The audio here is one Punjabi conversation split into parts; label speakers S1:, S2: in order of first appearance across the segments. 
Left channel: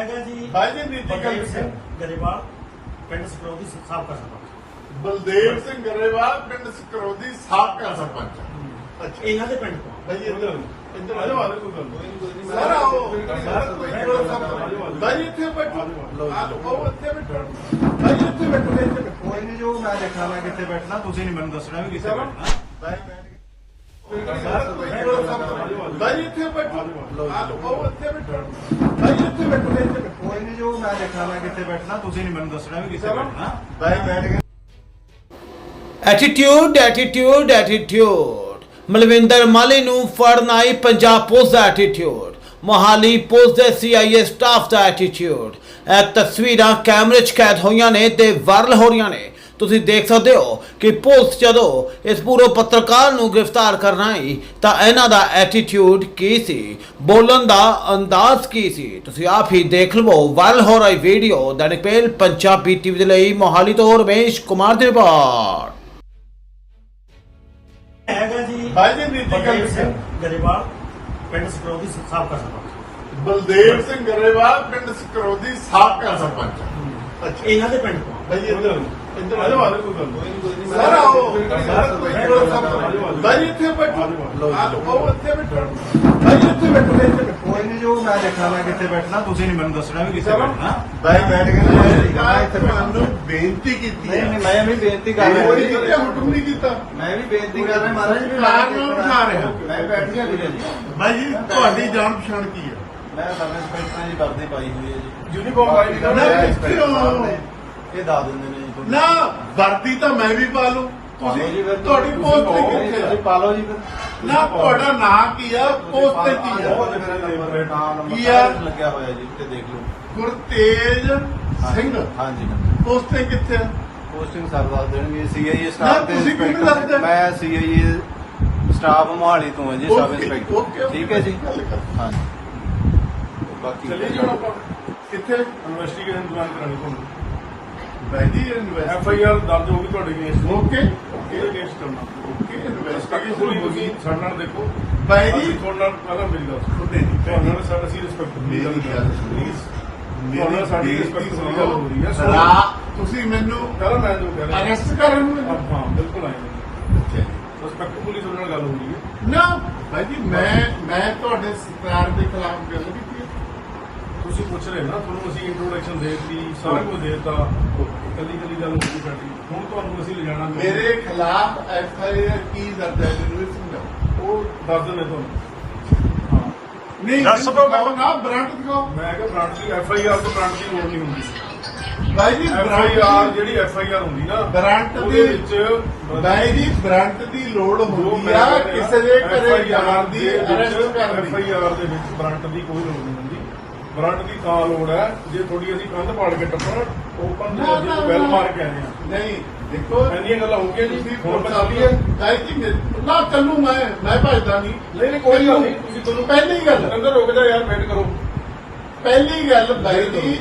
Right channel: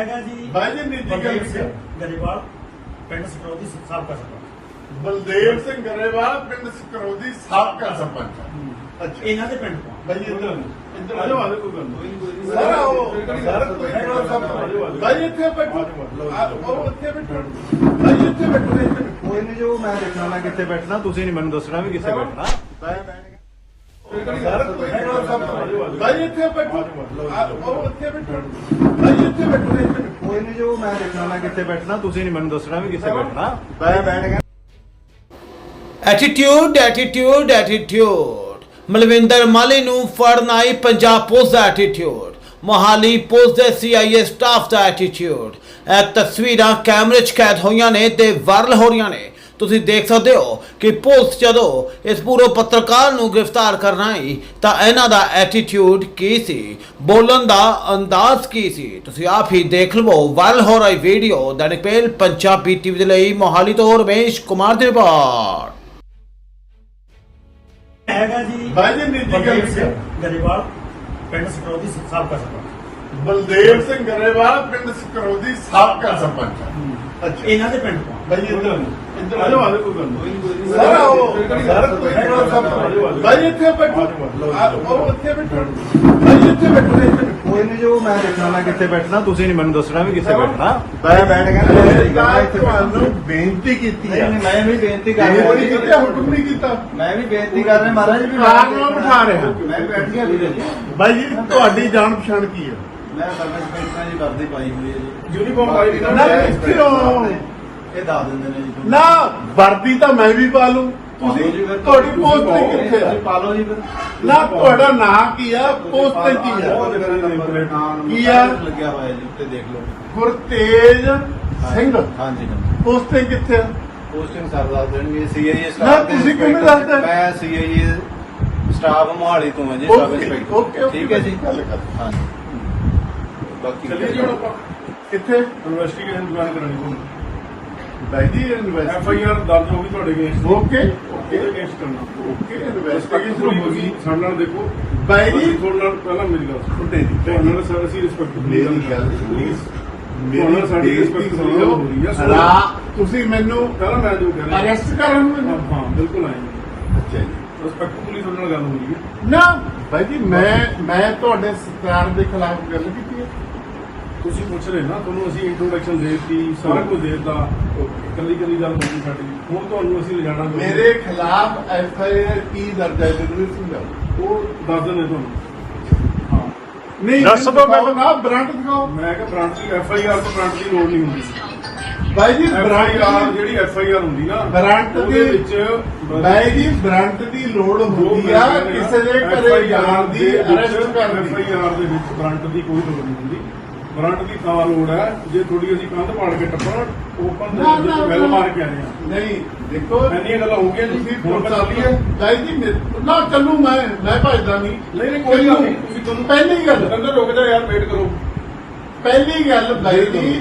S1: ਹੈਗਾ ਜੀ।
S2: ਬਾਈ ਜੀ ਗੱਲ
S1: ਸਿੰਘ ਗਰੇਵਾਲ ਪਿੰਡ ਸਕਰੋਦੀ ਸਾਬਕਾ ਸਰਪੰਚ।
S2: ਬਲਦੇਵ ਸਿੰਘ ਗਰੇਵਾਲ ਪਿੰਡ ਸਕਰੋਦੀ ਸਾਬਕਾ ਸਰਪੰਚ। ਅੱਛਾ।
S1: ਇਹਨਾਂ ਦੇ ਪਿੰਡ ਤੋਂ।
S2: ਬਾਈ ਜੀ ਇੱਧਰ ਇੱਧਰ ਆ ਜਾਓ ਕੋਈ ਗੱਲ ਨਹੀਂ ਸਰ ਆਓ। ਸਰ ਕੋਈ ਥੋੜਾ ਸਾ ਬਾਈ ਇੱਥੇ ਬੈਠੋ। ਆਓ ਇੱਥੇ ਬੈਠੋ। ਬਾਈ ਇੱਥੇ ਬੈਠੋ ਇੱਥੇ ਬੈਠੋ।
S3: ਕੋਈ ਨਹੀਂ ਜੋ ਮੈਂ ਦੇਖਣਾ ਕਿੱਥੇ ਬੈਠਣਾ ਤੁਸੀਂ ਨਹੀਂ ਮੈਨੂੰ ਦੱਸਣਾ ਵੀ ਕਿੱਥੇ ਬੈਠਣਾ।
S2: ਸਰ ਇੱਥੇ ਬੈਠੋ ਆਓ ਇੱਥੇ ਬੈਠੋ ਬਾਈ ਇੱਥੇ ਬੈਠੋ
S3: ਕੋਈ ਨਹੀਂ ਜੋ ਮੈਂ ਦੇਖਣਾ ਮੈਂ ਕਿੱਥੇ ਬੈਠਣਾ ਤੁਸੀਂ ਨਹੀਂ ਮੈਨੂੰ ਦੱਸਣਾ ਵੀ ਕਿੱਥੇ ਬੈਠਣਾ
S2: ਬਾਈ ਬੈਠ ਗਿਆ
S4: attitude attitude attitude Malvinder Mali ਨੂੰ ਫੜਨ ਆਈ ਪੰਜਾਬ ਪੁਲਿਸ ਦਾ ਐਟੀਟਿਊਡ ਮੋਹਾਲੀ ਪੁਲਿਸ ਦੇ ਸੀਆਈਏ ਸਟਾਫ ਦਾ ਐਟੀਟਿਊਡ ਇਹ ਤਸਵੀਰਾਂ ਕੈਮਰੇ 'ਚ ਕੈਦ ਹੋਈਆਂ ਨੇ ਤੇ ਵਾਇਰਲ ਹੋ ਰਹੀਆਂ ਨੇ। ਤੁਸੀਂ ਦੇਖ ਸਕਦੇ ਹੋ ਕਿ ਪੁਲਿਸ ਜਦੋਂ ਇਸ ਪੂਰੇ ਪੱਤਰਕਾਰ ਨੂੰ ਗ੍ਰਿਫਤਾਰ ਕਰਨ ਆਈ ਤਾਂ ਇਹਨਾਂ ਦਾ ਐਟੀਟਿਊਡ ਕੀ ਸੀ? ਬੋਲਣ ਦਾ ਅੰਦਾਜ਼ ਕੀ ਸੀ? ਤੁਸੀਂ ਆਪ ਹੀ ਦੇਖ ਲਵੋ ਵਾਇਰਲ ਹੋ ਰਹੀ ਵੀਡੀਓ ਦੈਨਿਕ ਪਹਿਲ ਪੰਜਾਬੀ ਟੀਵੀ ਦੇ ਲਈ ਮੋਹਾਲੀ ਤੋਂ ਰਮੇਸ਼ ਕੁਮਾਰ ਦੀ ਰਿਪੋਰਟ।
S1: ਹੈਗਾ ਜੀ
S2: ਬਾਈ ਜੀ ਨਿੱਜੀ ਗੱਲ
S1: ਬਲਦੇਵ ਸਿੰਘ ਗਰੇਵਾਲ ਪਿੰਡ ਸਕਰੋਦੀ ਸਾਬਕਾ ਸਰਪੰਚ।
S2: ਬਲਦੇਵ ਸਿੰਘ ਗਰੇਵਾਲ ਪਿੰਡ ਸਕਰੋਦੀ ਸਾਬਕਾ ਸਰਪੰਚ। ਅੱਛਾ।
S1: ਇਹਨਾਂ ਦੇ ਪਿੰਡ ਤੋਂ।
S2: ਬਾਈ ਇੱਧਰ ਕੋਈ ਸਰ ਆਓ ਸਰ ਕੋਈ ਬਾਈ ਇੱਥੇ ਬੈਠੋ ਆਓ ਇੱਥੇ ਬੈਠੋ ਬਾਈ ਇੱਥੇ ਬੈਠੋ
S3: ਕੋਈ ਨਹੀਂ ਜੋ ਮੈਂ ਦੇਖਣਾ ਮੈਂ ਕਿੱਥੇ ਬੈਠਣਾ ਤੁਸੀਂ ਨਹੀਂ ਮੈਨੂੰ ਦੱਸਣਾ ਵੀ ਕਿੱਥੇ ਬੈਠਣਾ।
S2: ਬਾਈ ਬੈਠ ਗਿਆ ਮੈਂ ਇੱਥੇ ਬੈਠਾ ਬੇਨਤੀ ਕੀਤੀ
S3: ਨਹੀਂ ਨਹੀਂ ਮੈਂ ਵੀ ਬੇਨਤੀ ਕਰ ਰਿਹਾ।
S2: ਕੀਤਾ ਹੁਣ ਤੂੰ ਨਹੀਂ ਕੀਤਾ।
S3: ਮੈਂ ਵੀ ਬੇਨਤੀ ਕਰ ਰਿਹਾ ਮਹਾਰਾਜ ਵੀ ਮੈਂ
S2: ਬਿਠਾ ਰਿਹਾ।
S3: ਮੈਂ ਬੈਠ ਗਿਆ ਜੀ
S2: ਬਾਈ ਜੀ ਤੁਹਾਡੀ ਜਾਣ ਪਛਾਣ ਕੀ ਹੈ
S3: ਮੈਂ ਸਰਵਿਸ ਪੈਂਟਾਂ ਦੀ ਵਰਦੀ ਪਾਈ ਹੋਈ ਹੈ ਜੀ।
S2: ਯੂਨੀਫਾਰਮ
S3: ਸਾਹਿਬ ਨੇ ਇਹ ਦੱਸ ਦਿੰਦੇ ਨੇ ਜੀ।
S2: ਨਾ ਵਰਦੀ ਤਾਂ ਮੈਂ ਵੀ ਪਾ ਲੂੰ। ਤੁਸੀਂ ਤੁਹਾਡੀ ਪੋਸਟਿੰਗ ਕਿੱਥੇ ਹੈ
S3: ਪਾ ਲਓ ਜੀ ਫਿਰ।
S2: ਨਾ ਤੁਹਾਡਾ ਨਾਮ ਕੀ ਆ? ਪੋਸਟਿੰਗ ਕੀ ਆ? ਕੀ ਆ?
S3: ਲੱਗਿਆ ਹੋਇਆ ਜੀ ਉੱਤੇ ਦੇਖ ਲਓ।
S2: ਗੁਰਤੇਜ ਸਿੰਘ।
S3: ਹਾਂਜੀ।
S2: ਪੋਸਟਿੰਗ ਕਿੱਥੇ ਆ?
S3: ਪੋਸਟਿੰਗ ਸਰ ਦੱਸ ਦੇਣਗੇ। ਸੀਆਈਏ ਸਟਾਫ ਦੇ ਇੰਸਪੈਕਟਰ? ਮੈਂ ਸੀਆਈਏ ਸਟਾਫ ਮੋਹਾਲੀ ਤੋਂ ਹਾਂ ਜੀ ਸਬ ਇੰਸਪੈਕਟਰ ਠੀਕ ਹੈ ਜੀ. ਹਾਂਜੀ। ਬਾਕੀ।
S2: ਕਿੱਥੇ?
S5: ਇਨਵੈਸਟੀਗੇਸ਼ਨ ਜੁਆਇਨ ਕਰਾਣੀ ਤੁਹਾਨੂੰ।
S2: ਬਾਈ ਜੀ
S5: ਐਫ
S2: ਇਨਵੈਸਟ
S5: ਆਈ ਆਰ ਦਰਜ ਹੋ ਗਈ ਤੁਹਾਡੇ ਕੇਸ
S2: ਓਕੇ।
S5: ਇਹਦਾ ਕੇਸ ਕਰਨਾ
S2: ਓਕੇ
S5: ਇਨਵੈਸਟੀਗੇਸ਼ਨ
S2: ਇਨਵੈਸਟੀਗੇਸ਼ਨ
S5: ਹੋ ਗਈ? ਸਾਡੇ ਨਾਲ ਦੇਖੋ।
S2: ਬਾਈ ਜੀ?
S5: ਅਸੀਂ ਤੁਹਾਡੇ ਨਾਲ ਪਹਿਲਾਂ ਮੇਰੀ ਗੱਲ ਸੁਣੋ।
S2: ਤੁਹਾਡੇ ਦੀ
S5: ਤੁਹਾਡੇ ਨਾਲ ਸਰ ਅਸੀਂ ਰਿਸਪੈਕਟ
S2: ਮੇਰੀ ਗੱਲ ਪਲੀਜ਼
S5: ਤੁਹਾਨੂੰ ਸਾਡੀ respect ਸੁਣੋ, ਹੋ। ਰਹੀ ਹੈ।
S2: ਰਾ ਤੁਸੀਂ ਮੈਨੂੰ
S5: ਸਰ ਮੈਂ ਜੋ ਕਹਿ ਰਿਹਾ
S2: ਅਰੈਸਟ ਕਰਨ ਨੂੰ
S5: ਹਾਂ ਹਾਂ ਬਿਲਕੁਲ ਆਏ।
S2: ਅੱਛਾ ਜੀ।
S5: ਰਿਸਪੈਕਟ ਪੁਲਿਸ ਤੁਹਾਡੇ ਨਾਲ ਗੱਲ ਹੋ ਰਹੀ ਹੈ
S2: ਨਾ। ਭਾਈ ਜੀ ਮੈਂ ਮੈਂ ਤੁਹਾਡੇ ਸਰਕਾਰ ਦੇ ਖਿਲਾਫ ਗੱਲ ਕੀਤੀ ਹੈ।
S5: ਤੁਸੀਂ ਪੁੱਛ ਰਹੇ ਨਾ ਤੁਹਾਨੂੰ ਅਸੀਂ ਇੰਟਰੋਡਕਸ਼ਨ ਦੇ ਦਿੱਤੀ ਸਾਰਾ ਕੁਝ ਦੇ ਦਿੱਤਾ। ਕੱਲੀ ਕੱਲੀ ਗੱਲ ਨਹੀਂ ਸਾਡੀ। ਹੁਣ ਤੁਹਾਨੂੰ ਅਸੀਂ ਲਿਜਾਣਾ
S2: ਮੇਰੇ ਖਿਲਾਫ ਐਫ ਆਈ ਆਰ ਕੀ ਦਰਜ ਹੈ ਜ਼ਰੂਰ ਸਮਝਾਓ।
S5: ਉਹ ਦੱਸ ਦਿੰਦੇ ਤੁਹਾਨੂੰ। ਹਾਂ।
S2: ਨਹੀਂ
S5: ਦੱਸ ਦਿਓ ਮੈਨੂੰ।
S2: ਨਾ ਬ੍ਰਾਂਡ ਦਿਖਾਓ।
S5: ਮੈਂ ਕਿਹਾ ਬ੍ਰਾਂਚ ਦੀ ਐਫ ਆਈ ਆਰ ਤੋਂ ਬ੍ਰਾਂਚ ਦੀ ਲੋੜ ਨਹੀਂ ਹੁੰਦੀ।
S2: ਭਾਈ ਜੀ ਬ੍ਰਾਂਡ
S5: ਜਿਹੜੀ ਐਫ ਆਈ ਆਰ ਹੁੰਦੀ ਨਾ
S2: ਬ੍ਰਾਂਡ ਦੀ
S5: ਵਿੱਚ
S2: ਭਾਈ ਜੀ ਬ੍ਰਾਂਡ ਦੀ ਲੋੜ ਹੁੰਦੀ ਆ ਕਿਸੇ ਦੇ ਘਰੇ ਜਾਣ ਦੀ ਅਰੈਸਟ ਕਰਨ ਦੀ।
S5: ਦੇ ਵਿੱਚ ਬ੍ਰਾਂਟ ਦੀ ਕੋਈ ਲੋੜ ਨਹੀਂ ਹੁੰਦੀ। ਬ੍ਰਾਂਟ ਦੀ ਤਾਂ ਲੋੜ ਹੈ ਜੇ ਥੋੜੀ ਅਸੀਂ ਕੰਧ ਪਾੜ ਕੇ ਟੱਪਣ ਓਪਨ ਵੈਲ ਮਾਰ ਕੇ ਆਏ ਹਾਂ
S2: ਨਹੀਂ ਦੇਖੋ
S5: ਇੰਨੀਆਂ ਗੱਲਾਂ ਹੋ ਗਈਆਂ
S2: ਤੁਸੀਂ
S5: ਹੁਣ
S2: ਪੁਲਿਸ
S5: ਪਤਾ
S2: ਵਾਲੀ ਹੈ ਭਾਈ ਜੀ ਨਾ ਚੱਲੂ ਮੈਂ ਮੈਂ ਭਜਦਾ ਨਹੀਂ।
S5: ਨਹੀਂ ਨਹੀਂ ਕੋਈ ਨਹੀਂ। ਤੁਸੀਂ ਤੁਹਾਨੂੰ
S2: ਪਹਿਲੀ ਗੱਲ
S5: ਅੰਦਰ ਰੁਕ ਜਾ ਯਾਰ ਵੇਟ ਕਰੋ।
S2: ਪਹਿਲੀ ਗੱਲ ਬਾਈ ਜੀ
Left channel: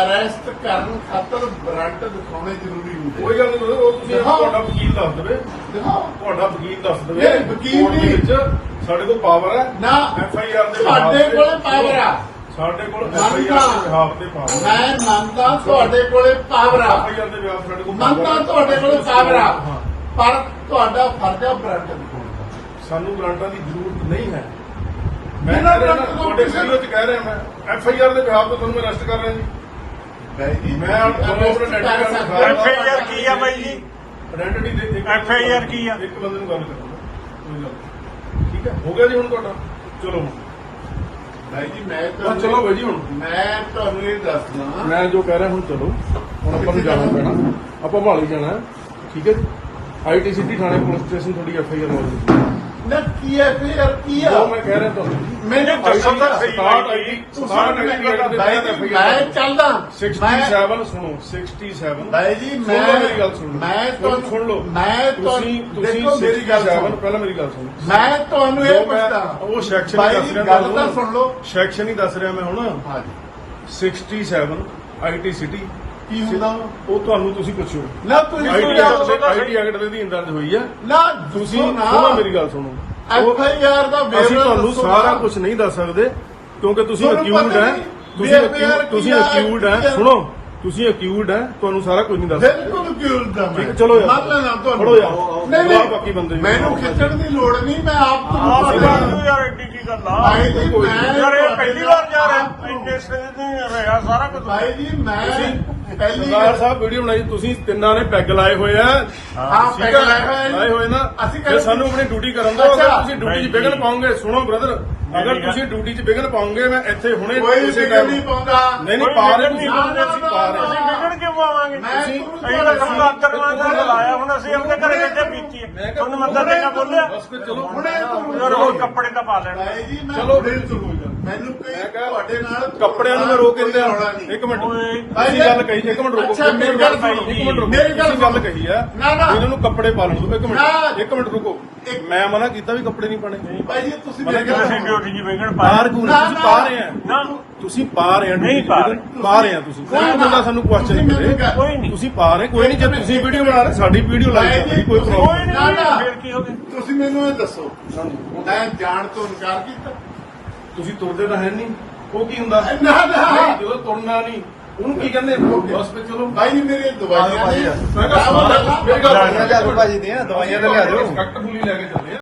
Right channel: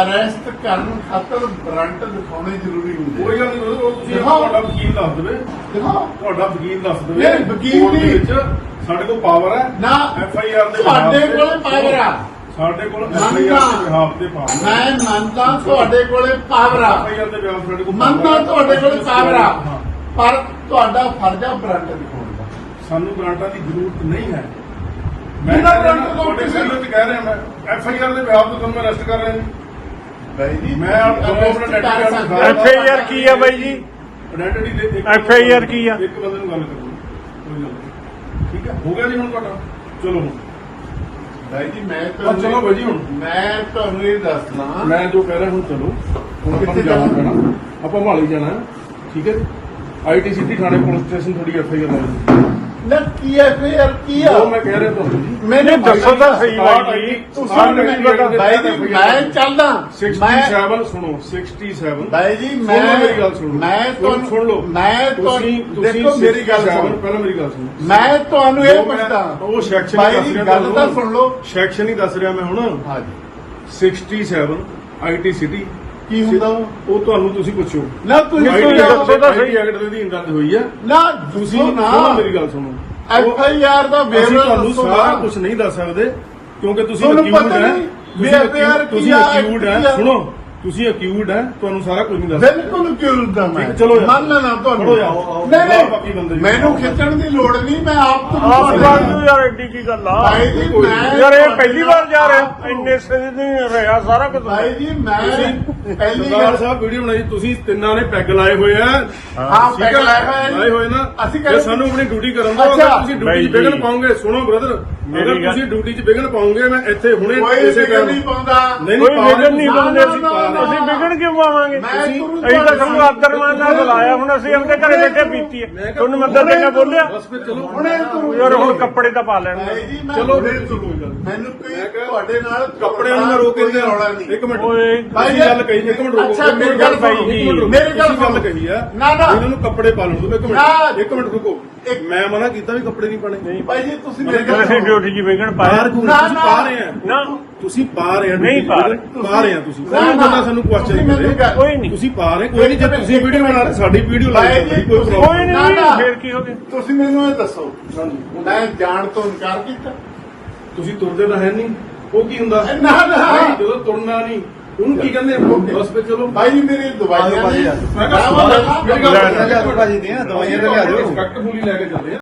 S2: ਅਰੈਸਟ ਕਰਨ ਖਾਤਰ ਬ੍ਰਾਂਟ ਦਿਖਾਉਣੇ ਜ਼ਰੂਰੀ ਹੁੰਦੇ
S5: ਕੋਈ ਗੱਲ ਨਹੀਂ ਉਹ ਤੁਸੀਂ। ਤੁਹਾਡਾ ਵਕੀਲ ਦੱਸ ਦੇਵੇ।
S2: ਦਿਖਾਓ।
S5: ਤੁਹਾਡਾ ਵਕੀਲ ਦੱਸ ਦੇਵੇ।
S2: ਨਹੀਂ, ਵਕੀਲ
S5: ਦੇ ਸਾਡੇ ਕੋਲ ਪਾਵਰ ਹੈ।
S2: ਨਾ
S5: ਐਫ ਆਈ ਆਰ ਦੇ ਖਿਲਾਫ਼
S2: ਕੋਲ ਪਾਵਰ ਆ।
S5: ਸਾਡੇ ਕੋਲ ਦੇ
S2: ਮੈਂ ਮੰਨਦਾ ਤੁਹਾਡੇ ਕੋਲੇ ਪਾਵਰ ਆ।
S5: ਦੇ ਸਾਡੇ ਕੋਲ
S2: ਮੰਨਦਾ ਤੁਹਾਡੇ ਕੋਲੇ ਪਾਵਰ ਆ।
S5: ਹਾਂ।
S2: ਪਰ ਤੁਹਾਡਾ ਫਰਜ਼ ਆ ਬ੍ਰਾਂਡ ਦਿਖਾਉਣ ਦਾ।
S5: ਸਾਨੂੰ ਗ੍ਰਾਂਟਾਂ ਦੀ ਜ਼ਰੂਰਤ ਨਹੀਂ ਹੈ। ਮੈਂ
S2: ਤੋਂ
S5: ਤੁਹਾਡੇ
S2: ਕਿਸੇ-
S5: ਸਾਹਮਣੇ ਕਹਿ ਰਿਹਾ ਮੈਂ। ਐਫ ਆਈ ਆਰ ਦੇ ਬਿਹਾਫ ਤੋਂ ਤੁਹਾਨੂੰ ਅਰੈਸਟ ਕਰ ਰਿਹਾ ਜੀ।
S2: ਬਾਈ ਜੀ
S5: ਮੈਂ
S2: ਹੋ।
S6: FIR ਕੀ ਆ ਬਾਈ ਜੀ?
S5: ਆਇਡੈਂਟੀ ਦੇ ਦੇ
S6: FIR ਕੀ ਆ?
S5: ਇੱਕ ਬੰਦੇ ਨੂੰ ਗੱਲ ਕਰੋ ਕੋਈ ਗੱਲ ਨਹੀਂ। ਠੀਕ ਹੈ? ਹੋ ਗਿਆ ਜੀ ਹੁਣ ਤੁਹਾਡਾ। ਚਲੋ
S2: ਜੀ ਮੈਂ
S5: ਤਾਂ ਚਲੋ ਬਾਈ ਜੀ ਹੁਣ।
S2: ਮੈਂ ਤੁਹਾਨੂੰ ਇਹ ਦੱਸਣਾ
S5: ਮੈਂ ਜੋ ਕਹਿ ਰਿਹਾ ਹੁਣ ਚਲੋ ਹੁਣ ਆਪਾਂ ਨੂੰ ਜਾਣਾ ਪੈਣਾ। ਆਪਾਂ ਮਹਾਲੀ ਜਾਣਾ ਠੀਕ ਹੈ ਜੀ? ਆਈਟੀਸੀ ਦੀ ਥਾਣੇ ਪੁਲਿਸ ਸਟੇਸ਼ਨ ਥੋੜੀ ਐਫ ਆਈ ਆਰ ਲਾਉਣੀ
S2: ਨਾ ਕੀ ਹੈ ਫਿਰ ਕੀ ਆ?
S5: ਉਹ ਮੈਂ ਕਹਿ ਰਿਹਾ ਤੁਹਾਨੂੰ। ਜੀ
S2: ਮੈਨੂੰ
S6: ਦੱਸੋ ਤਾਂ ਸਹੀ ਬਾਈ ਜੀ।
S2: ਤੁਸੀਂ
S5: ਬਾਹਰ
S2: ਮੈਨੂੰ
S5: ਨਿਕਲ ਕੇ
S2: ਬਾਈ ਜੀ, ਮੈਂ ਚੱਲਦਾ।
S5: 67 ਸੁਣੋ 67
S2: ਬਾਈ ਜੀ
S5: ਸੁਣ ਲਓ ਮੇਰੀ ਗੱਲ ਸੁਣ ਲਓ।
S2: ਮੈਂ
S5: ਸੁਣ- ਸੁਣ ਲਓ।
S2: ਮੈਂ
S5: ਤੁਸੀਂ ਤੁਸੀਂ
S2: ਦੇਖੋ ਮੇਰੀ ਗੱਲ
S5: 67
S2: ਸੁਣੋ।
S5: ਪਹਿਲਾਂ ਮੇਰੀ ਗੱਲ ਸੁਣੋ।
S2: ਮੈਂ ਤੁਹਾਨੂੰ
S5: ਜੋ
S2: ਇਹ
S5: ਮੈਂ
S2: ਪੁੱਛਦਾ।
S5: ਉਹ ਸੈਕਸ਼ਨ ਹੀ
S2: ਬਾਈ
S5: ਦੱਸ
S2: ਜੀ,
S5: ਰਿਹਾ
S2: ਗੱਲ ਤਾਂ ਸੁਣ
S5: ਤੁਹਾਨੂੰ
S2: ਲਓ।
S5: ਸੈਕਸ਼ਨ ਹੀ ਦੱਸ ਰਿਹਾ ਮੈਂ ਹੁਣ।
S2: ਹਾਂਜੀ
S5: 67 ਆਈਟੀ ਸਿਟੀ
S2: ਕੀ ਹੁੰਦਾ?
S5: ਉਹ ਤੁਹਾਨੂੰ ਤੁਸੀਂ ਪੁੱਛੋ
S2: ਨਾ ਤੁਸੀਂ
S6: ਦੱਸੋ
S5: ਐਕਟ ਦੇ ਅਧੀਨ ਦਰਜ ਹੋਈ ਹੈ।
S2: ਨਾ
S5: ਤੁਸੀਂ ਸੁਣੋ ਮੇਰੀ ਗੱਲ ਸੁਣੋ।
S2: ਐਫ ਆਈ ਆਰ ਦਾ
S5: ਅਸੀਂ ਤੁਹਾਨੂੰ। ਸਾਰਾ ਕੁਝ ਨਹੀਂ ਦੱਸ ਸਕਦੇ ਕਿਉਂਕਿ ਤੁਸੀਂ
S2: ਪਤਾ
S5: ਹੈ। ਤੁਸੀਂ
S2: ਆ,
S5: ਅਕਿਊਡ ਹੈ।
S2: ਆ?
S5: ਸੁਣੋ। ਤੁਸੀਂ ਅਕਿਊਡ ਹੈ। ਤੁਹਾਨੂੰ ਸਾਰਾ ਕੁਝ ਨਹੀਂ ਦੱਸ
S2: ਬਿਲਕੁਲ ਦਾ ਮੈਂ
S5: ਠੀਕ, ਚਲੋ ਯਾਰ।
S2: ਮੰਨ ਲੈਣਾ ਤੁਹਾਨੂੰ
S5: ਖੜੋ ਯਾਰ।
S2: ਨਹੀਂ
S5: ਬੁਲਾਓ
S2: ਨਹੀਂ
S5: ਬਾਕੀ ਬੰਦੇ ਨੂੰ।
S2: ਮੈਨੂੰ ਖਿੱਚਣ ਦੀ ਲੋੜ ਨਹੀਂ ਮੈਂ ਆਪ
S6: ਆਪ
S2: ਤੁਹਾਨੂੰ
S6: ਕਰ ਤੂੰ ਯਾਰ ਐਡੀ ਕੀ ਗੱਲ ਆ
S2: ਭਾਈ ਜੀ ਮੈਂ
S6: ਯਾਰ ਇਹ ਪਹਿਲੀ ਵਾਰ ਜਾ ਰਿਹਾ ਇੰਨੇ ਸੇ ਨਹੀਂ ਰਿਹਾ ਸਾਰਾ ਕੁਝ
S2: ਭਾਈ ਜੀ ਮੈਂ ਪਹਿਲੀ
S5: ਸਰਦਾਰ
S2: ਵਾਰ
S5: ਸਾਹਿਬ ਵੀਡੀਓ ਬਣਾਈ ਤੁਸੀਂ ਤਿੰਨਾਂ ਨੇ ਪੈਗ ਲਾਏ ਹੋਏ ਆ
S2: ਆਪ
S5: ਠੀਕ
S2: ਪੈਗ
S5: ਹੈ
S2: ਲਾਏ ਹੋਏ ਨੇ।
S5: ਲਾਏ ਹੋਏ ਨਾ
S2: ਅਸੀਂ
S5: ਜੇ ਸਾਨੂੰ ਆਪਣੀ ਡਿਊਟੀ ਕਰਨ ਦਿਓ ਅਗਰ
S2: ਅੱਛਾ।
S5: ਤੁਸੀਂ ਡਿਊਟੀ 'ਚ ਵਿਘਨ। ਪਾਉਂਗੇ ਸੁਣੋ ਬ੍ਰਦਰ
S6: ਮੇਰੀ
S5: ਅਗਰ
S6: ਗੱਲ-
S5: ਤੁਸੀਂ ਡਿਊਟੀ 'ਚ ਵਿਘਨ ਪਾਉਂਗੇ ਮੈਂ ਇੱਥੇ ਹੁਣੇ
S2: ਕੋਈ
S5: ਇਸੇ ਟਾਈਮ
S2: ਨਹੀਂ ਪਾਉਂਦਾ
S5: ਨਹੀਂ
S6: ਕੋਈ
S5: ਨਹੀਂ ਪਾ ਰਹੇ
S6: ਵਿਗੜ ਨਹੀਂ
S5: ਤੁਸੀਂ।
S6: ਪਾਉਂਦੇ
S5: ਤੁਸੀਂ ਪਾ ਰਹੇ
S6: ਅਸੀਂ ਵਿਗੜ ਕਿਉਂ ਪਾਵਾਂਗੇ
S2: ਮੈਂ
S6: ਅਸੀਂ
S2: ਤੁਹਾਨੂੰ
S6: ਤਾਂ ਸਾਨੂੰ ਆਦਰਮਾਨ ਨਾਲ ਬੁਲਾਇਆ ਹੁਣ ਅਸੀਂ ਆਪਣੇ ਘਰੇ ਬੈਠੇ ਪੀਤੀ ਹੈ ਤੁਹਾਨੂੰ ਮੰਦਰ ਬੋਲਿਆ
S5: ਚਲੋ
S2: ਹੁਣੇ ਤੂੰ
S6: ਯਾਰ ਹੁਣ ਕੱਪੜੇ ਤਾਂ ਪਾ ਲੈਣ
S2: ਭਾਈ ਜੀ ਮੈਂ
S5: ਚਲੋ ਫਿਰ।
S2: ਮੈਨੂੰ ਕੋਈ ਤੁਹਾਡੇ ਨਾਲ
S5: ਕੱਪੜੇ ਨੂੰ ਮੈਂ ਰੋਕ ਕੇ ਲਿਆ ਇੱਕ ਮਿੰਟ
S6: ਓਏ
S5: ਤੁਸੀਂ ਗੱਲ ਕਹੀ ਇੱਕ ਮਿੰਟ ਰੁਕੋ
S2: ਮੇਰੀ ਗੱਲ ਸੁਣੋ।
S5: ਇੱਕ ਮਿੰਟ ਰੁਕੋ।
S2: ਮੇਰੀ ਗੱਲ
S5: ਕਹੀ ਆ
S2: ਨਾ, ਨਾ।
S5: ਇਹਨਾਂ ਨੂੰ ਕੱਪੜੇ ਪਾ ਲਓ ਇੱਕ। ਮਿੰਟ ਇੱਕ ਮਿੰਟ ਰੁਕੋ ਮੈਂ ਮਨਾ ਕੀਤਾ ਵੀ ਕੱਪੜੇ ਨਹੀਂ ਪਾਣੇ
S2: ਭਾਈ ਜੀ ਤੁਸੀਂ ਮੇਰੇ
S6: ਅਸੀਂ ਡਿਊਟੀ ਜੀ
S5: ਬਾਹਰ
S6: ਪਾਇਆ
S2: ਨਾ,
S5: ਤੁਸੀਂ। ਪਾ ਰਹੇ ਆ
S6: ਨਾ।
S5: ਤੁਸੀਂ ਪਾ ਰਹੇ ਆ
S6: ਨਹੀਂ ਪਾ ਰਹੇ।
S5: ਪਾ ਰਹੇ ਆ ਤੁਸੀਂ। ਕੋਈ। ਬੰਦਾ ਸਾਨੂੰ ਕੁਐਸਚਨ
S2: ਮੈਨੂੰ
S5: ਕਰੇ
S6: ਕੋਈ ਨਹੀਂ।
S5: ਤੁਸੀਂ ਪਾ ਰਹੇ ਕੋਈ ਨਹੀਂ ਜੇ ਤੁਸੀਂ ਵੀਡੀਓ ਬਣਾ ਰਹੇ ਸਾਡੀ ਵੀਡੀਓ ਲਾਈ
S2: ਭਾਈ ਜੀ,
S5: ਕੋਈ
S6: ਕੋਈ
S5: ਪ੍ਰੋਬਲਮ।
S6: ਨਹੀਂ। ਫੇਰ ਕੀ ਹੋ ਗਿਆ?
S2: ਤੁਸੀਂ ਮੈਨੂੰ ਇਹ ਦੱਸੋ। ਮੈਂ ਜਾਣ ਤੋਂ ਇਨਕਾਰ ਕੀਤਾ।
S5: ਤੁਸੀਂ ਤੁਰਦੇ ਤਾਂ ਹੈ ਨਹੀਂ। ਉਹ ਕੀ ਹੁੰਦਾ?
S2: ਨਾ ਨਾ।
S5: ਜਦੋਂ ਤੁਰਨਾ ਨਹੀਂ ਉਹਨੂੰ ਕੀ ਕਹਿੰਦੇ ਆ? ਹਸਪੀਟਲ ਚਲੋ
S2: ਭਾਈ ਮੇਰੀ ਦਵਾਈਆਂ ਨਹੀਂ
S5: ਮੈਂ ਕਿਹਾ
S2: ਮੇਰੀ ਗੱਲ
S5: ਭਾਜੀ ਨਹੀਂ ਦਵਾਈ ਲੈ ਕੇ ਚੱਲੇ